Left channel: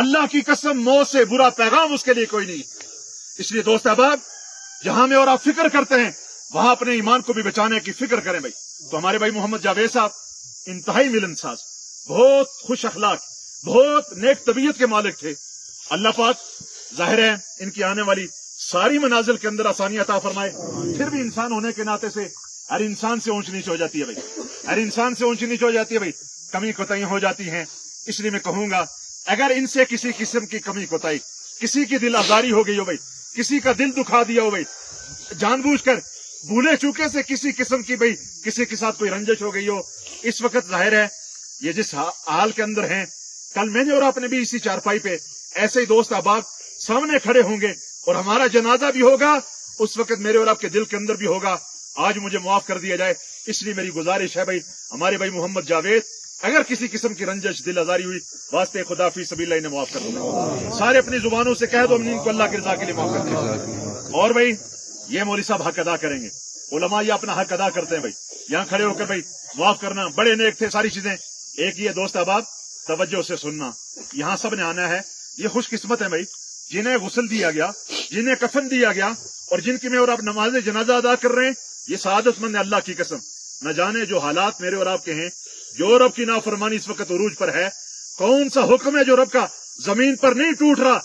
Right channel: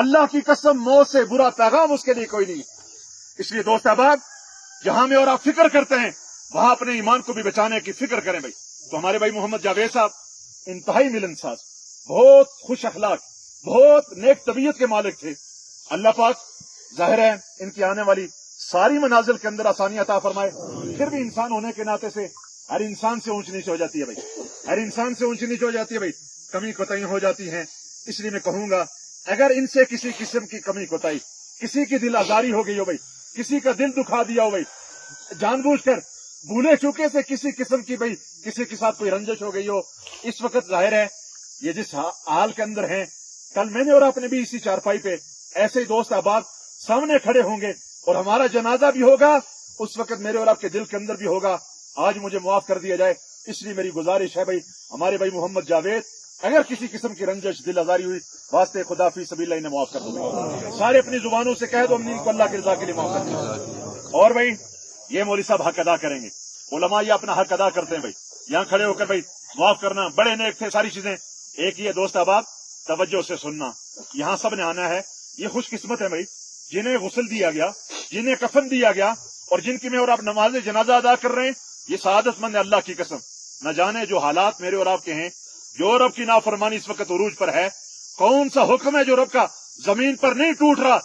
अल्लाह की कसम मौत से बुरा पैगाम उसके लिए कोई नहीं। इसलिए दोस्त अहबाब, जहां में और आप फिक्र करते हैं वहां अपने ईमान को भी बचाने की फिक्र करें भाई। तो हमारे भाई मोहम्मद जावेद साहब इंतहाई मिलनसाज, बहुत खुश अखलाक, बहुत नेक तबीयत के मालिक थे। अल्लाह पाक जाहिर है इनकी आने वाली सारी मनाजिल के अंदर आसानी अता फरमाए। फिर भी इंसान होने के नाते से हर इंसान से ऊंच नीच हो जाती है भाई, हर इंसान से ऊंच नीच हो जाती है भाई, कमी कोताही हो जाती हैं। इसलिए मैं कहूंगा अगर इनसे किसी किस्म की कमी कोताही, किसी की दिल आजारी हो गई हो भाई, किसी का दिल दुखा दिया हो भाई, जानबूझकर भूले चूके से किसी किस्म की भाई किसी के साथ कोई रंजिश हो गई हो, इस वक्त जाहिर है ये जिस हाल के अंदर हैं, कल मैंने और आपने भी इसी चारपाई पे ऐसे ही दोस्त अहबाब सामने खड़े होंगे और हमारा जनाजा भी होगा, उस वक्त मेरे और आपके दिल के अंदर भी होगा। आज मुझे माफ कर दिया जाए, इसलिए मेरी गुजारिश है भाई हमारे भाई मोहम्मद जावेद, अगर किसी किस्म की रंजिश दिल आजारी हुई वास्ते खुदा फी सबील इन्हें माफ कर दूंगा। सारे अपनी जुबानों से कह दो हम इनको अल्लाह की रजा के लिए माफ कर दीजिए। और भाई ये मौलवी साहब हक अदा करेंगे, उलमा ये अपना हक अदा करते हैं भाई, यहाँ खड़े होकर भाई माफ करना, बड़े नेक थे, सारी चीजें एक ही है। दोस्त अहबाब तवज्जो से सुनना, यहाँ सब ने आना है। ये खुशकिस्मत है भाई जिन्हें गुस्ल दिया गया, जिन्हें कफन दिया गया और जिनकी में और आप नमाज जनाजा अदा कर रहे हैं, ये सआदतमंद है। अल्लाह की कसम न जाने जो हालात मेरे और आपके हैं, जो रब की नाफरमानी इस वक्त उरूज पर है, कौन सा हुक्म है जो रब का जमीन पर नहीं टूट रहा,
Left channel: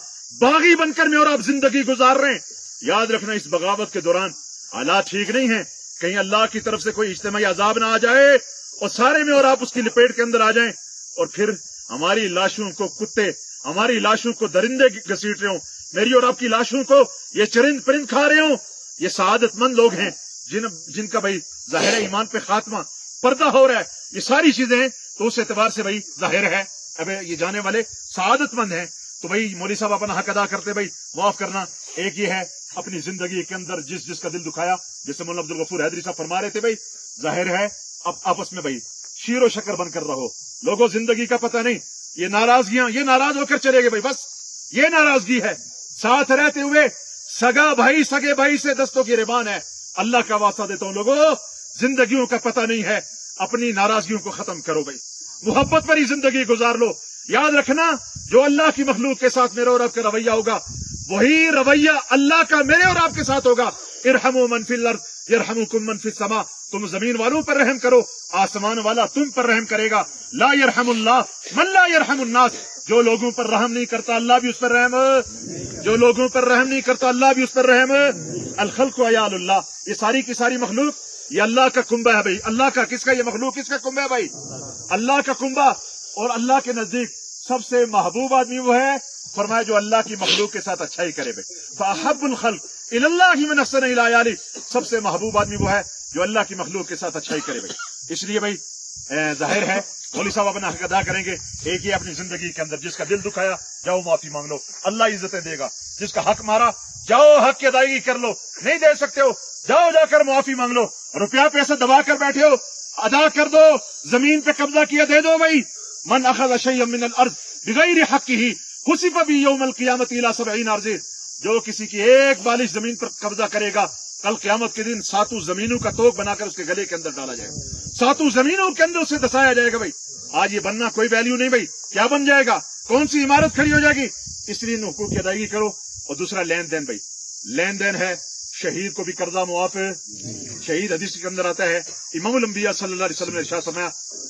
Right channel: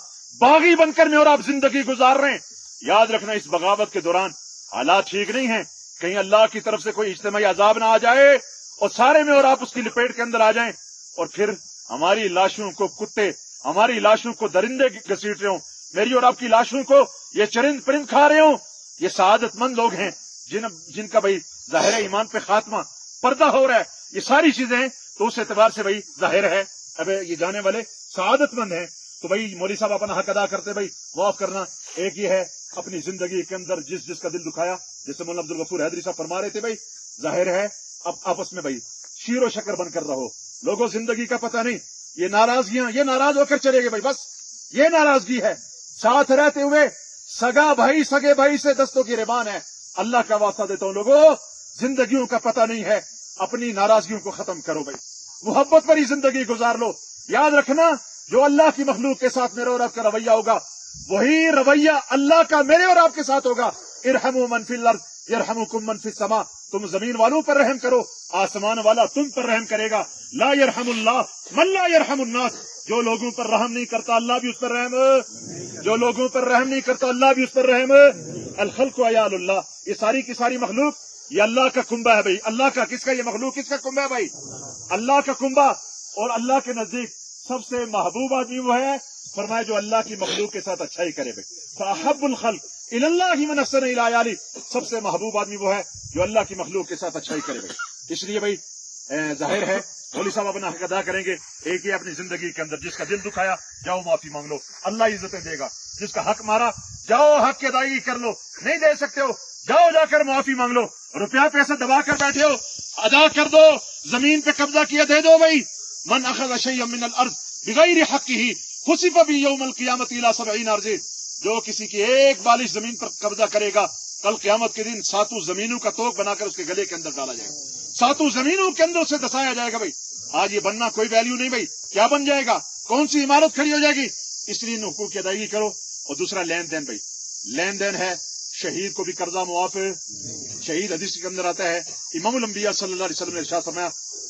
बागी बनकर में और आप जिंदगी गुजार रहे हैं। याद रखना इस बगावत के दौरान हालात ठीक नहीं है, कहीं अल्लाह की तरफ से कोई इज्तिमाई अजाब ना आ जाए और सारे में और आप उसकी लपेट के अंदर आ जाएं और फिर हमारी लाशों को कुत्ते, हमारी लाशों को दरिंदे घसीट रहे हो, मेरी और आपकी लाशों को ये चरिंद परिंद खा रहे हो। ये सआदतमंद लोग हैं जिनका भाई जाहिर ईमान पे खात्मा पर्दा हो रहा है। ये सारी चीजें तो उस एतबार से भाई जाहिर है अब ये जाने वाले सआदतमंद हैं। तो भाई मौलवी साहब अपना हक अदा करते भाई माफ करना। एक ये है अपनी जिंदगी के अंदर जिसका दिल दुखाया, जैसे मौलाना अब्दुल गफूर हैदरी साहब फरमा रहे थे भाई, जाहिर है अब आपस में भाई शीरो शक्कर बनकर रहो। लोगों जिंदगी का पता नहीं, ये नाराजगियां, ये नाराज होकर चले गए भाई, बस ये नाराजगी है। साथ रहते हुए सगा भाई सगे भाई से दस्तों की रिबान है। अल्लाह का वास्ता देता हूं लोगों, जिंदगियों का पता नहीं है, अपनी नाराजगियों को खत्म करो भाई, मोहब्बत भरी जिंदगी गुजार लो। याद रखना जो अल्लाह की मखलूक के साथ मेरे और आपका रवैया होगा, वही रवैया अल्लाह का मेरे और आपके साथ होगा। इरहमु मन फिल अर्द यरहमुकुम मन फिस समा, तुम जमीन वालों पर रहम करो, आसमान वाला तुम पर रहम करेगा। ला यरहमुल्लाह मन ला यरहमुन्नास, जो लोगों पर रहम नहीं करता अल्लाह भी उस पर रहम, जो लोगों पर रहम नहीं करता अल्लाह भी उस पर रहम। अल खल्क़ु अयालुल्लाह, ये सारी की सारी मखलूक ये अल्लाह का कुंबा है भाई, अल्लाह का। किसका ये मखलूक किसका कुंबा है भाई? अल्लाह का कुंबा। और अल्लाह के नजदीक सबसे महबूब आदमी वो है, फरमाया जो अल्लाह की मखलूक के साथ अच्छा ही करे भाई। फअहब्बुल खल्क़ इलल्लाहि मन अहसन इला याली, सबसे महबूब आदमी वो है जो अल्लाह की मखलूक के साथ अच्छा ही करे भाई। इसलिए भाई जाहिर है मौलवी साहब अपना हक अदा करेंगे। एक ही अपनी जिंदगी के अंदर जिसका दिल दुखाया जाओ माफी मांग लो, अल्लाह इज्जतें देगा। जिसका हक मारा जाओ हक की अदायगी कर लो, नहीं दे सकते हो जाओ जाकर माफी मांग लो। रुपया पैसा दबा कर बैठे हो अदा कर दो, जमीन पे कब्जा किया दे दो भाई। मन अखज़ शय्यन मिनल अर्ज़ बिगैरि हक़्क़िही खुसिफ़ बिही यौमल क़ियामति इला 70 अर्ज़, जो किसी की एक बालिश जमीन पर कब्जा करेगा, कल क़यामत के दिन 7 जमीनों का तोक बनाकर उसके गले के अंदर डाला जाएगा, 7 जमीनों के अंदर उसे दसाया जाएगा भाई। आज ये बनना कोई वैल्यू नहीं भाई, क्या बन जाएगा, कौन सी इमारत खड़ी हो जाएगी। इसलिए इन हुकूक की अदायगी करो। और दूसरा लेन देन भाई, लेन देन है, शहीद को भी कर्जा मुआफ, शहीद हदीस के अंदर आता है इमामुल अंबिया सल्लल्लाहु अलैहि वसल्लम ने इरशाद फरमाया,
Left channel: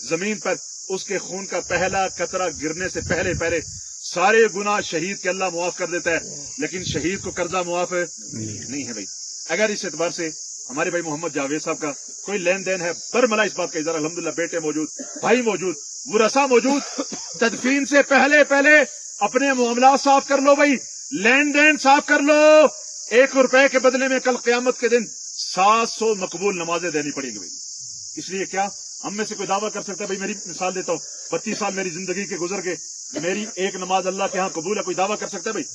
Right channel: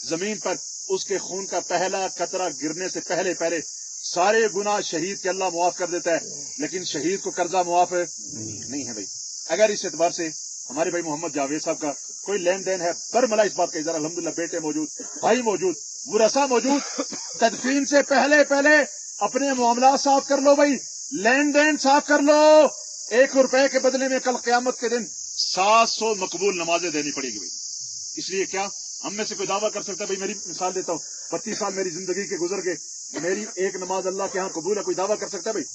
जमीन पर उसके खून का पहला कतरा गिरने से पहले पहले सारे गुनाह शहीद के अल्लाह मुआफ कर देता है, लेकिन शहीद को कर्जा मुआफ नहीं है भाई। अगर इस एतबार से हमारे भाई मोहम्मद जावेद साहब का कोई लेन देन है, बरमला इस बात का इज़हार, अल्हम्दुलिल्लाह बेटे मौजूद, भाई मौजूद, वरसा मौजूद, तदफीन से पहले पहले अपने मामला साफ कर लो भाई, लेन देन साफ कर लो। 1 रुपए के बदले में कल क़यामत के दिन 700 मकबूल नमाजें देनी पड़ेगी भाई। इसलिए क्या हम में से कोई दावा कर सकता है भाई, मेरी मिसाल देता हूँ, 32 साल मेरी जिंदगी के गुजर गए, मेरी एक नमाज अल्लाह के यहाँ कबूल है, कोई दावा कर सकता है भाई?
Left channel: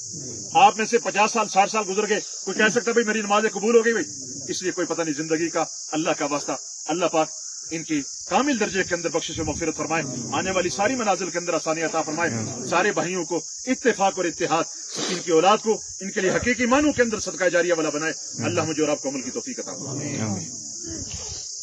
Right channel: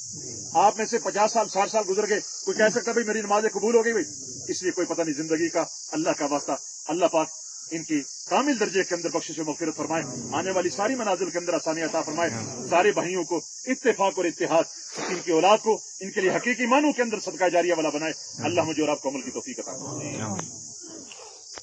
आप में से 50 साल 60 साल गुजर गए, कोई कह सकता है भाई मेरी नमाजें कबूल हो गई भाई? इसलिए कोई पता नहीं जिंदगी का। अल्लाह का वास्ता, अल्लाह पाक इनकी कामिल दर्जे के अंदर बख्शिश और मग़फ़िरत फरमाए, आने वाली सारी मनाजिल के अंदर आसानी अता फरमाए, सारे भाइयों को इत्तेफाक और इत्तेहाद, इनकी औलाद को इनके लिए हकीकी मानों के अंदर सदका जारिया वाला बनाए। अल्लाह मुझे और आपको अमल की तौफीक अता फरमाए।